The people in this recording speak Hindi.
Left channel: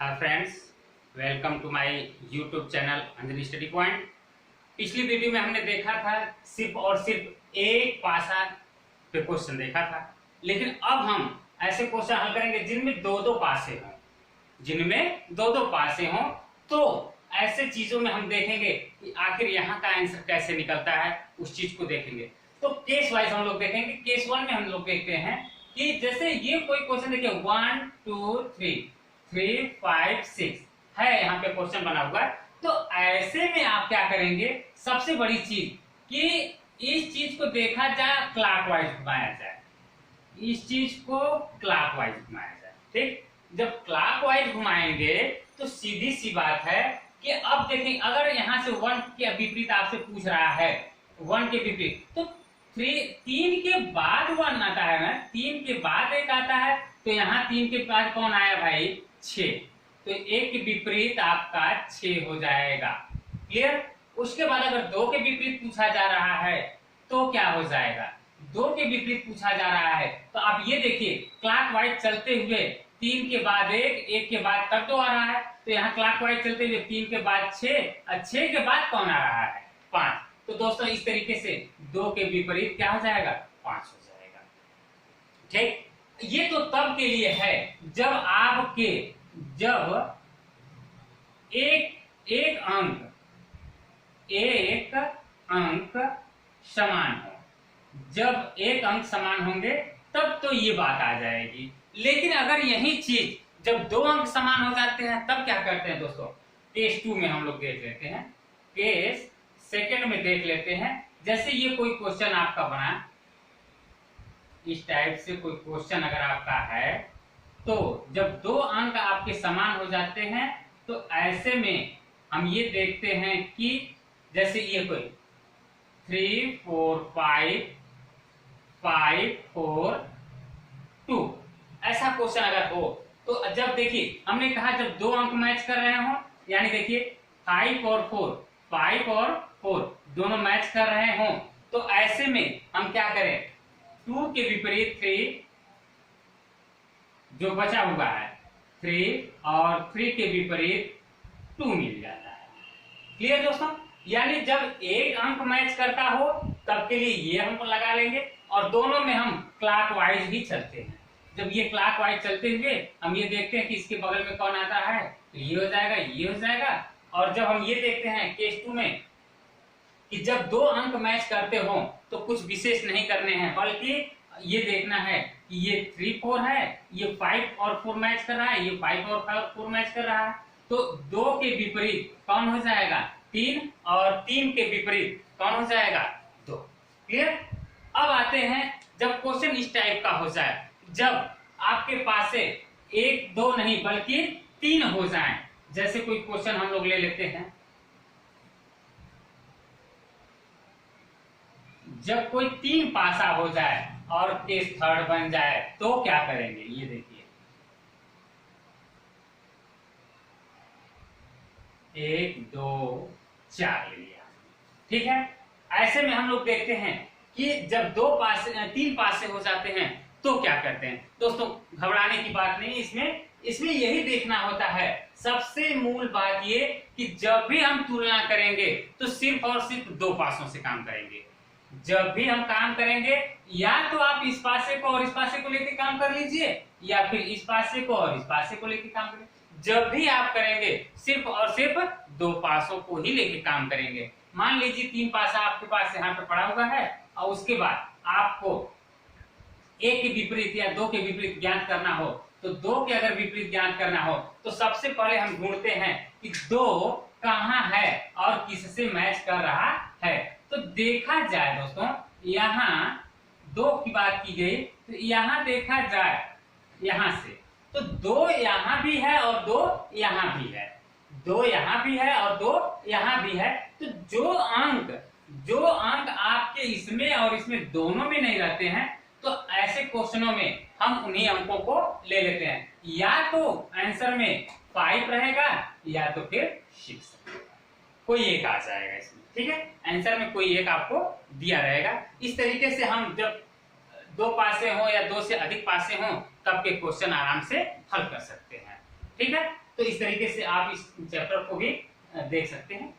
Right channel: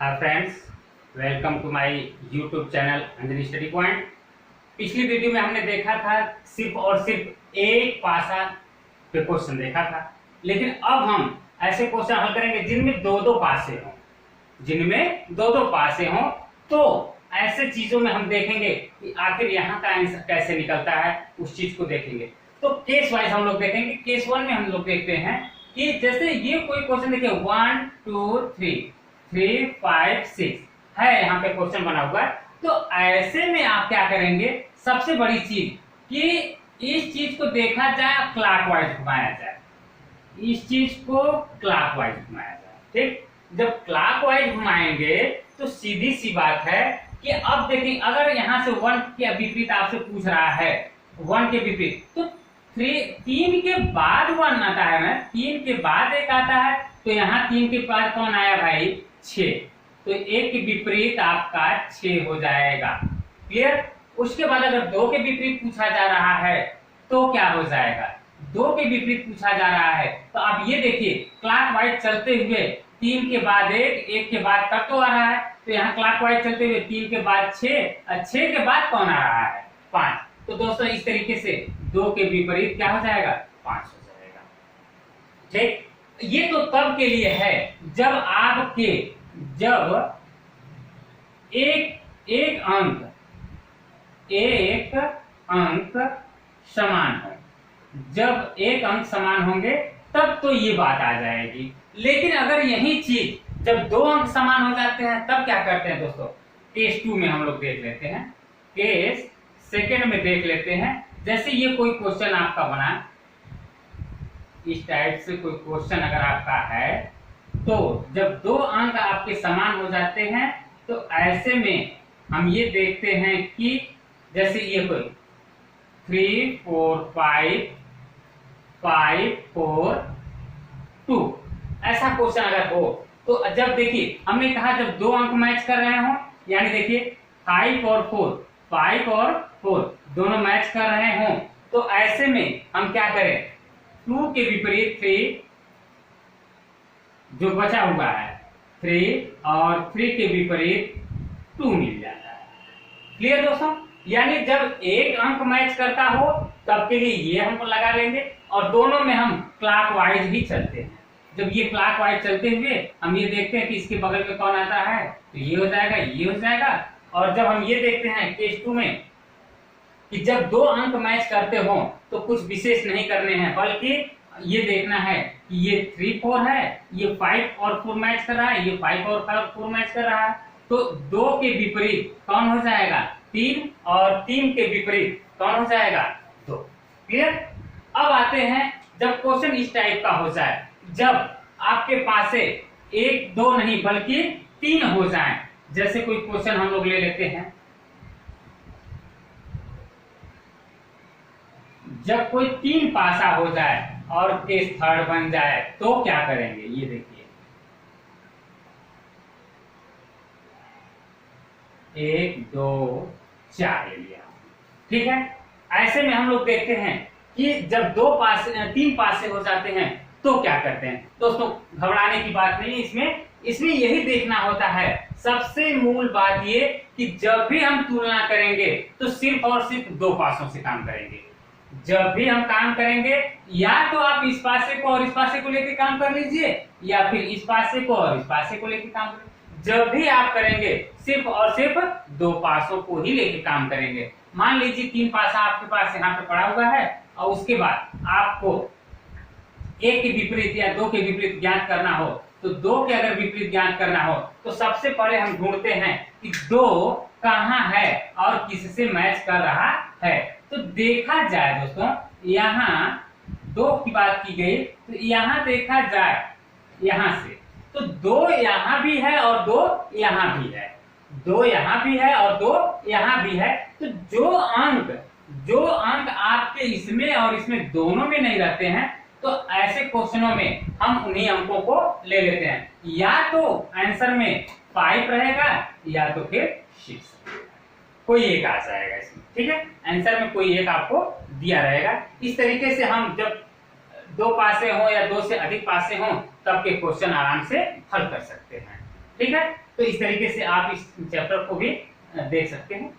Hi friends, welcome to my YouTube channel Anjani study point. पिछली वीडियो में हमने देखा था सिर्फ और सिर्फ एक पासा पे क्वेश्चन देखा था, लेकिन अब हम ऐसे क्वेश्चन हल करेंगे जिनमें दो दो पासे हों। तो ऐसे चीजों में हम देखेंगे कि आखिर यहाँ का आंसर कैसे निकलता है, उस चीज को देखेंगे। तो केस वाइज हम लोग देखेंगे। केस 1 में हम लोग देखते हैं कि जैसे ये कोई क्वेश्चन देखिए 1 2 3 5 6 है, यहाँ पे क्वेश्चन बना हुआ है। तो ऐसे में आप क्या करेंगे, सबसे बड़ी चीज कि इस चीज को देखा जाए क्लॉकवाइज घुमाया जाए, इस चीज को क्लॉकवाइज घुमाया जाए। ठीक, जब क्लॉकवाइज घुमाएंगे तो सीधी सी बात है कि अब देखिए अगर यहाँ से 1 के विपरीत आपसे पूछ रहा है, 1 के विपरीत, तो 3 के बाद 1 आता है ना, 3 के बाद 1 आता है, तो यहाँ 3 के बाद कौन आया भाई, 6। तो 1 के विपरीत आपका 6 हो जाएगा। क्लियर। उसके बाद अगर 2 के विपरीत पूछा जा रहा है तो क्या हो जाएगा, 2 के विपरीत पूछा जा रहा है तो आप ये देखिए क्लॉकवाइज चलते हुए 3 के बाद 1 के बाद तक तो आ रहा है, तो यहाँ क्लॉकवाइज चलते हुए 3 के बाद 6 और 6 के बाद कौन आ रहा है, 5। तो दोस्तों इस तरीके से 2 के विपरीत क्या हो जाएगा, 5 हो जाएगा। ठीक, ये तो तब के लिए है जब एक अंक समान हो। जब एक अंक समान होंगे तब तो ये बात आ जाएगी। लेकिन अगर यही चीज जब 2 अंक समान हो जाते हैं तब क्या करते हैं दोस्तों, केस 2 में हम लोग देख लेते हैं। केस सेकेंड में देख लेते हैं। जैसे ये कोई क्वेश्चन आपका बना, इस टाइप से कोई क्वेश्चन अगर आपका है, तो जब 2 अंक आपके समान हो जाते हैं तो ऐसे में हम ये देखते हैं कि जैसे ये कोई 3 4 5 5 4 2 ऐसा क्वेश्चन अगर हो, तो जब देखिए हमने कहा जब 2 अंक मैच कर रहे हो, यानी देखिए 5 और 4 दोनों मैच कर रहे हो, तो ऐसे में हम क्या करें, 2 के विपरीत 3 जो बचा हुआ है 3 और 3 के विपरीत 2 मिल जाता है। क्लियर दोस्तों। यानी जब एक अंक मैच करता हो तब के लिए ये हम लगा लेंगे, और दोनों में हम क्लॉकवाइज ही चलते हैं। जब ये क्लॉकवाइज चलते हुए हम ये देखते हैं कि इसके बगल में कौन आता है, तो ये हो जाएगा, ये हो जाएगा। और जब हम ये देखते हैं केस 2 में कि जब 2 अंक मैच करते हो तो कुछ विशेष नहीं करने हैं, बल्कि ये देखना है कि ये 3 4 है, ये 5 और 4 मैच कर रहा है, ये 5 और 4 मैच कर रहा है, तो 2 के विपरीत कौन हो जाएगा, 3, और 3 के विपरीत कौन हो जाएगा, 2। क्लियर। अब आते हैं जब क्वेश्चन इस टाइप का हो जाए, जब आपके पास 1 2 नहीं बल्कि 3 हो जाए। जैसे कोई क्वेश्चन हम लोग ले लेते हैं, जब कोई 3 पासा हो जाए और केस 3rd बन जाए तो क्या करेंगे, ये देखिए 1 2 4 ले लिया। ठीक है। ऐसे में हम लोग देखते हैं कि जब 3 पासे हो जाते हैं तो क्या करते हैं। दोस्तों घबराने की बात नहीं, इसमें यही देखना होता है। सबसे मूल बात ये कि जब भी हम तुलना करेंगे तो सिर्फ और सिर्फ 2 पासों से काम करेंगे। जब भी हम काम करेंगे या तो आप इस पासे को और इस पासे को लेकर काम कर लीजिए, या फिर इस पासे को और इस पासे को लेकर काम करेंगे। जब भी आप करेंगे सिर्फ और सिर्फ 2 पासों को ही लेकर काम करेंगे। मान लीजिए 3 पासा आपके पास यहाँ पे पड़ा हुआ है, और उसके बाद आपको 1 के विपरीत या 2 के विपरीत ज्ञात करना हो, तो 2 के अगर विपरीत ज्ञात करना हो तो सबसे पहले हम ढूंढते हैं कि 2 कहाँ है और किससे मैच कर रहा है। तो देखा जाए दोस्तों, यहाँ 2 की बात की गई, तो यहाँ देखा जाए यहाँ से तो 2 यहाँ भी है और 2 यहाँ भी है, 2 यहाँ भी है और 2 यहाँ भी है। तो जो अंक आपके इसमें और इसमें दोनों में नहीं रहते हैं, तो ऐसे क्वेश्चनों में हम उन्हीं अंकों को ले लेते हैं। या तो आंसर में 5 रहेगा या तो फिर 6, कोई एक आ जाएगा इसमें। ठीक है, आंसर में कोई एक आपको दिया रहेगा। इस तरीके से हम जब 2 पासे हो या 2 से अधिक पासे हो तब के क्वेश्चन आराम से हल कर सकते हैं। ठीक है, तो इस तरीके से आप इस चैप्टर को भी देख सकते हैं।